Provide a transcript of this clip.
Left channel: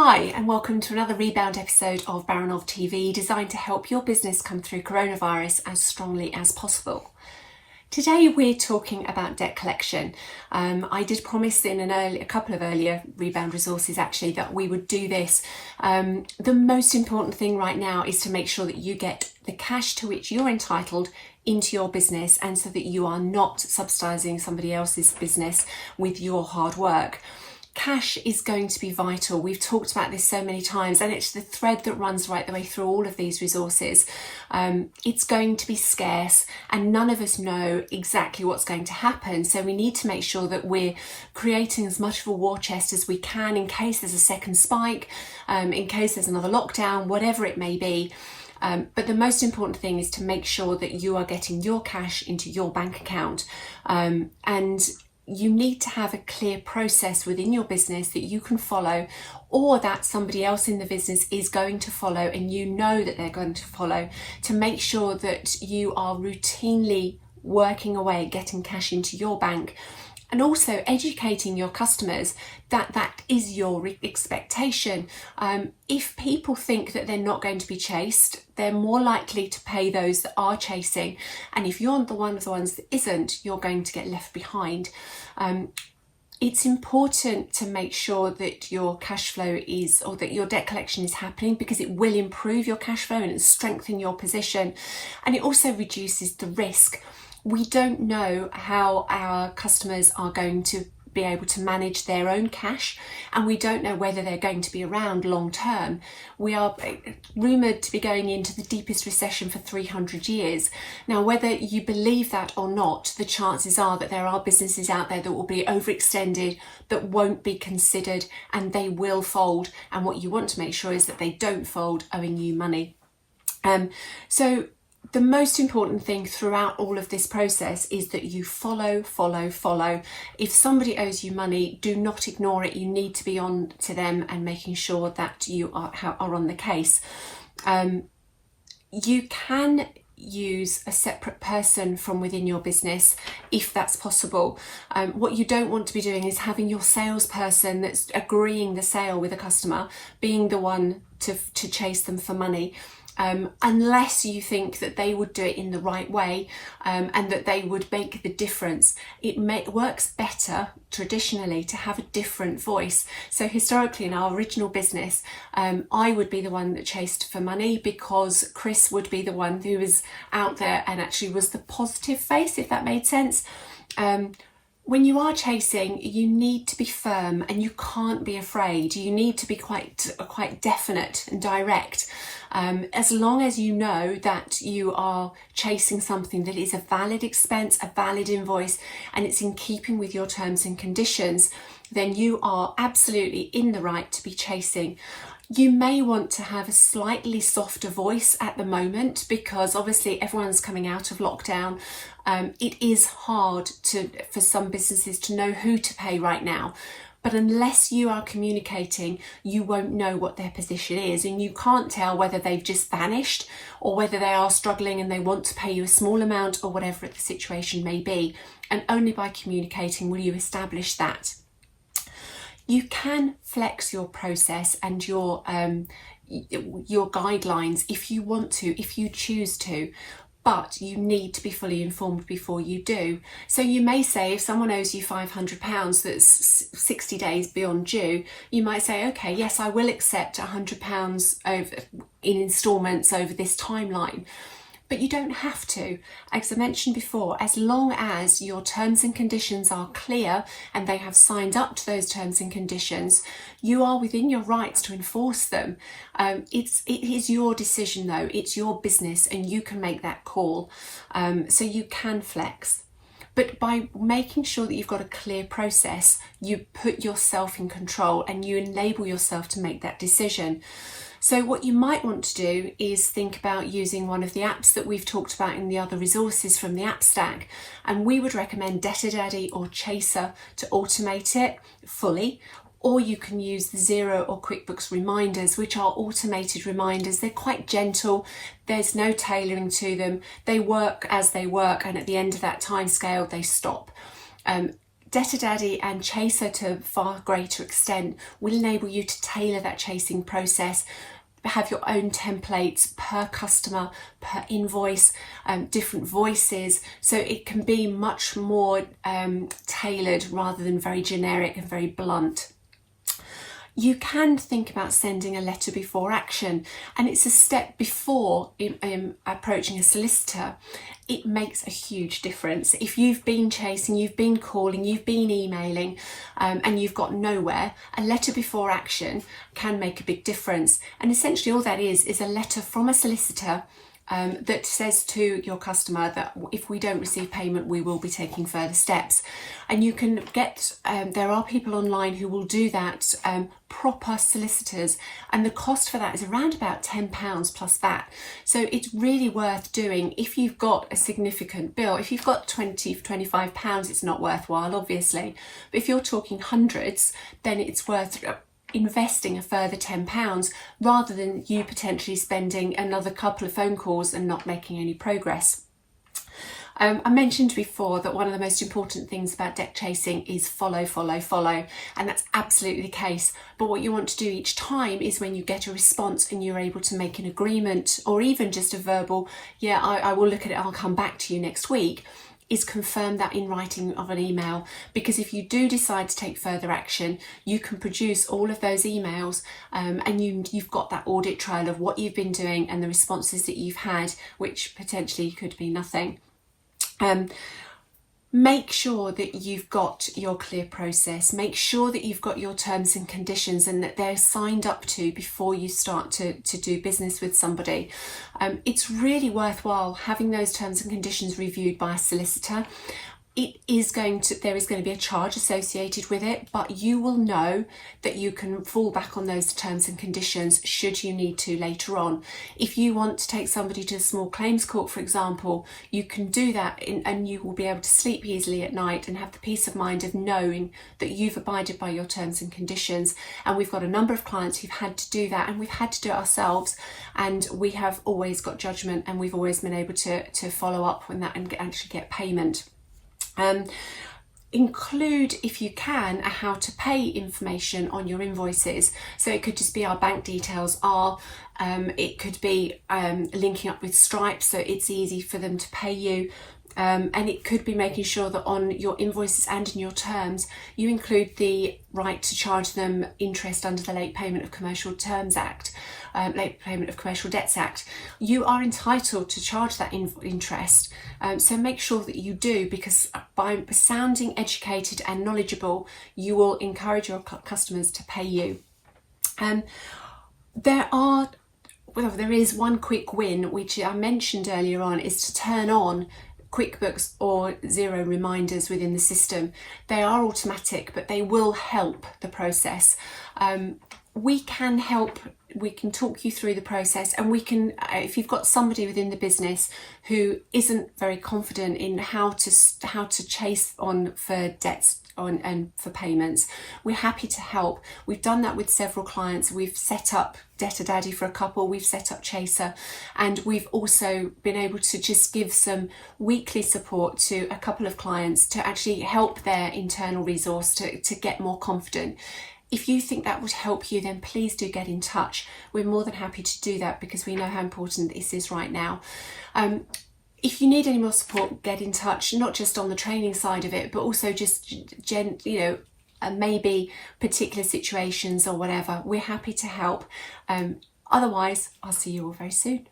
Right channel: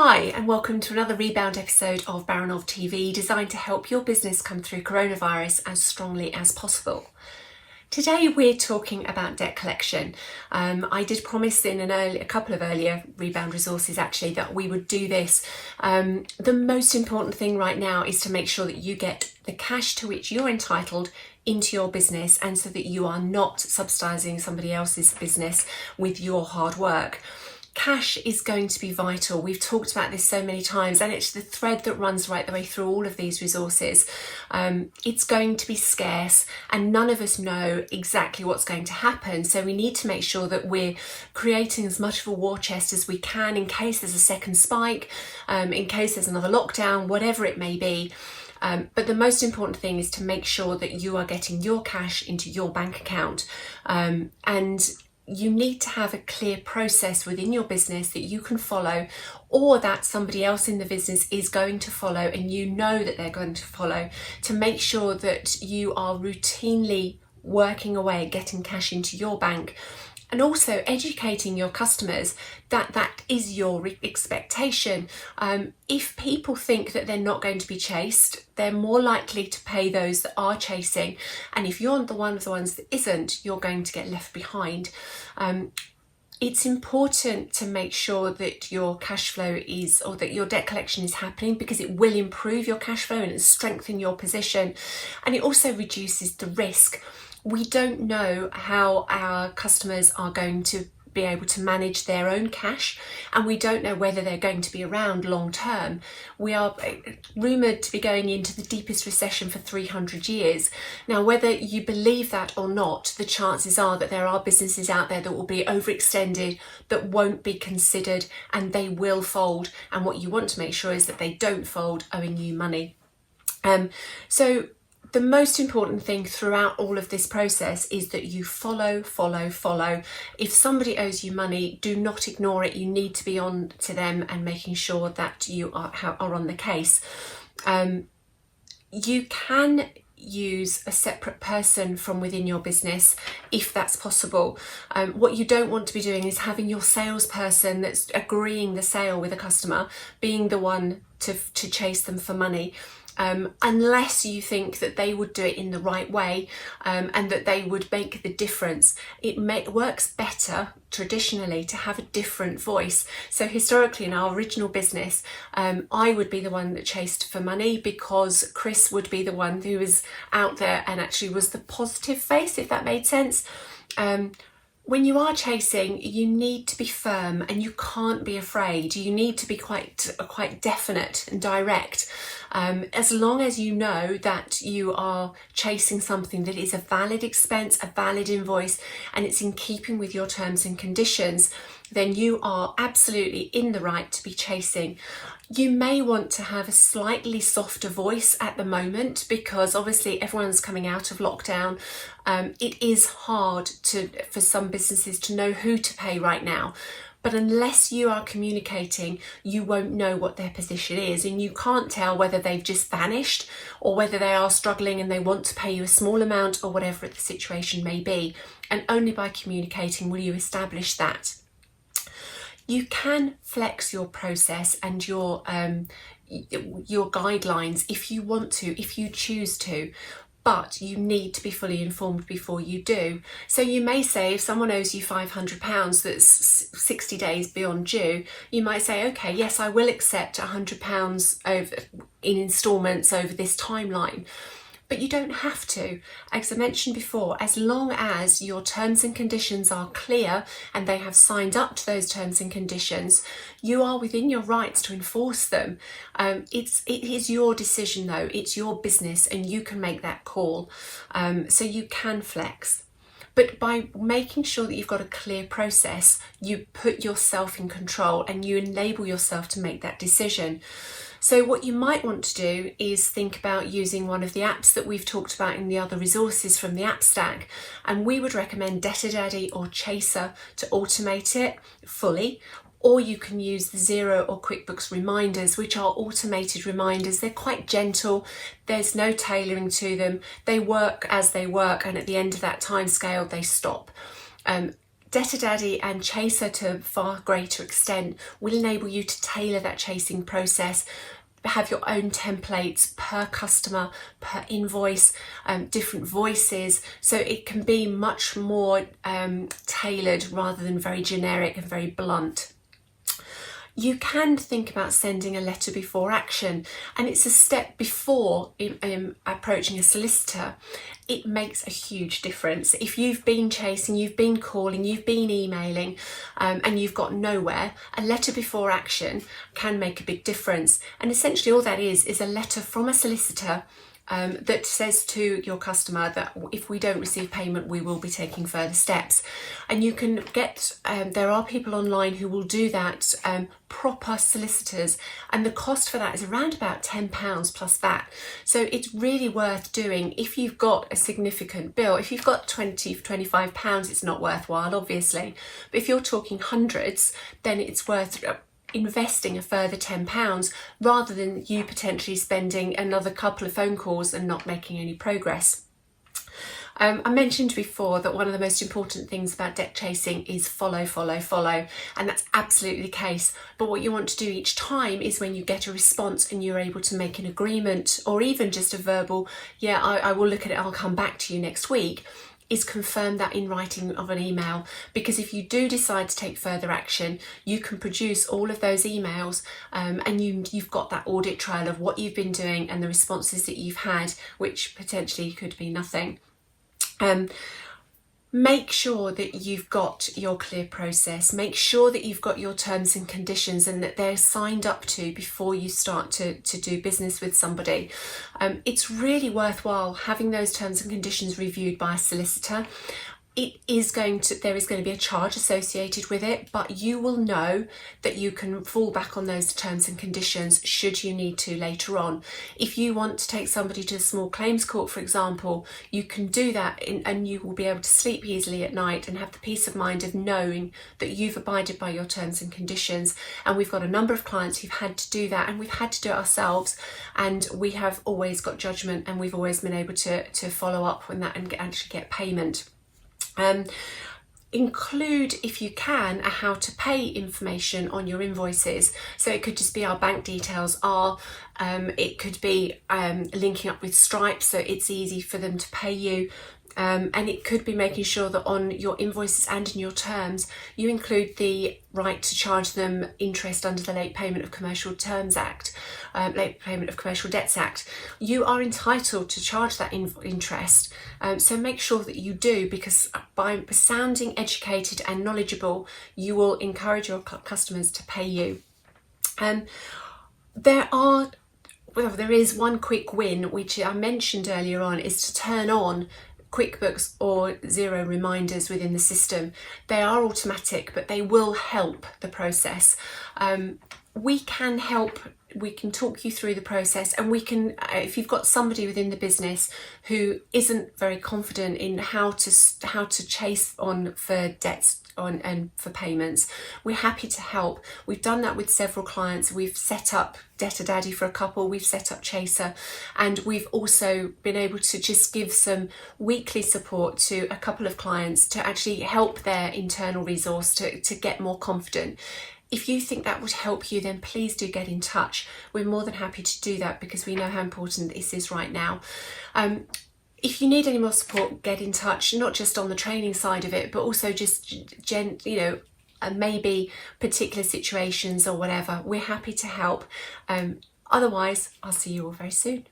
Hi, and welcome to another Rebound episode of Baranov TV, designed to help your business come through coronavirus as strongly as possible. Today we're talking about debt collection. I did promise in a couple of earlier Rebound resources actually that we would do this. The most important thing right now is to make sure that you get the cash to which you're entitled into your business, and so that you are not subsidising somebody else's business with your hard work. Cash is going to be vital. We've talked about this so many times, and it's the thread that runs right the way through all of these resources. It's going to be scarce, and none of us know exactly what's going to happen. So we need to make sure that we're creating as much of a war chest as we can in case there's a second spike, in case there's another lockdown, whatever it may be. But the most important thing is to make sure that you are getting your cash into your bank account, and you need to have a clear process within your business that you can follow, or that somebody else in the business is going to follow and you know that they're going to follow, to make sure that you are routinely working away at getting cash into your bank, and also educating your customers that that is your expectation. If people think that they're not going to be chased, they're more likely to pay those that are chasing. And if you're one of the ones that isn't, you're going to get left behind. It's important to make sure that your cash flow is, or that your debt collection is happening, because it will improve your cash flow and strengthen your position. And it also reduces the risk. We don't know how our customers are going to be able to manage their own cash, and we don't know whether they're going to be around long term. We are rumoured to be going into the deepest recession for 300 years. Now, whether you believe that or not, the chances are that there are businesses out there that will be overextended, that won't be considered, and they will fold. And what you want to make sure is that they don't fold owing you money. So the most important thing throughout all of this process is that you follow. If somebody owes you money, do not ignore it. You need to be on to them and making sure that you are on the case. You can use a separate person from within your business if that's possible. What you don't want to be doing is having your salesperson that's agreeing the sale with a customer being the one to chase them for money. Unless you think that they would do it in the right way, and that they would make the difference. It works better traditionally to have a different voice. So historically in our original business, I would be the one that chased for money, because Chris would be the one who was out there and actually was the positive face, if that made sense. When you are chasing, you need to be firm and you can't be afraid. You need to be quite definite and direct. As long as you know that you are chasing something that is a valid expense, a valid invoice, and it's in keeping with your terms and conditions, then you are absolutely in the right to be chasing. You may want to have a slightly softer voice at the moment, because obviously everyone's coming out of lockdown. It is hard for some businesses to know who to pay right now. But unless you are communicating, you won't know what their position is, and you can't tell whether they've just vanished or whether they are struggling and they want to pay you a small amount, or whatever the situation may be. And only by communicating will you establish that. You can flex your process and your guidelines if you want to, if you choose to, but you need to be fully informed before you do. So you may say, if someone owes you £500 that's 60 days beyond due, you might say, okay, yes, I will accept £100 in instalments over this timeline. But you don't have to. As I mentioned before, as long as your terms and conditions are clear and they have signed up to those terms and conditions, you are within your rights to enforce them. It is your decision though, it's your business, and you can make that call. So you can flex. But by making sure that you've got a clear process, you put yourself in control and you enable yourself to make that decision. So what you might want to do is think about using one of the apps that we've talked about in the other resources from the app stack. And we would recommend Debtor Daddy or Chaser to automate it fully. Or you can use the Xero or Quickbooks reminders, which are automated reminders. They're quite gentle. There's no tailoring to them. They work as they work, and at the end of that time scale, they stop. Debtor Daddy and Chaser, to a far greater extent, will enable you to tailor that chasing process, have your own templates per customer, per invoice, different voices, so it can be much more tailored rather than very generic and very blunt. You can think about sending a letter before action, and it's a step before approaching a solicitor. It makes a huge difference. If you've been chasing, you've been calling, you've been emailing, and you've got nowhere, a letter before action can make a big difference. And essentially all that is a letter from a solicitor that says to your customer that if we don't receive payment, we will be taking further steps. And you can get, there are people online who will do that, proper solicitors, and the cost for that is around about £10 plus that. So it's really worth doing if you've got a significant bill. If you've got £20, £25, it's not worthwhile, obviously. But if you're talking hundreds, then it's worth investing a further £10 rather than you potentially spending another couple of phone calls and not making any progress. I mentioned before that one of the most important things about debt chasing is follow, and that's absolutely the case. But what you want to do each time is when you get a response and you're able to make an agreement, or even just a verbal, yeah, I will look at it, I'll come back to you next week, is confirm that in writing of an email. Because if you do decide to take further action, you can produce all of those emails, and you've got that audit trail of what you've been doing and the responses that you've had, which potentially could be nothing. Make sure that you've got your clear process. Make sure that you've got your terms and conditions and that they're signed up to before you start to do business with somebody. It's really worthwhile having those terms and conditions reviewed by a solicitor. There is going to be a charge associated with it, but you will know that you can fall back on those terms and conditions should you need to later on. If you want to take somebody to a small claims court, for example, you can do that and you will be able to sleep easily at night and have the peace of mind of knowing that you've abided by your terms and conditions. And we've got a number of clients who've had to do that, and we've had to do it ourselves, and we have always got judgment, and we've always been able to follow up on that and actually get payment. Include, if you can, a how to pay information on your invoices. So it could just be our bank details it could be linking up with Stripe so it's easy for them to pay you. And it could be making sure that on your invoices and in your terms, you include the right to charge them interest under the Late Payment of Commercial Terms Act, Late Payment of Commercial Debts Act. You are entitled to charge that interest. So make sure that you do, because by sounding educated and knowledgeable, you will encourage your customers to pay you. There is one quick win, which I mentioned earlier on, is to turn on Quickbooks or zero reminders within the system. They are automatic, but they will help the process. We can help, we can talk you through the process, and we can, if you've got somebody within the business who isn't very confident in how to chase on for debts and for payments, we're happy to help. We've done that with several clients. We've set up Debtor Daddy for a couple, we've set up Chaser, and we've also been able to just give some weekly support to a couple of clients to actually help their internal resource to get more confident. If you think that would help you, then please do get in touch. We're more than happy to do that because we know how important this is right now. If you need any more support, get in touch, not just on the training side of it, but also just, maybe particular situations or whatever. We're happy to help. Otherwise, I'll see you all very soon.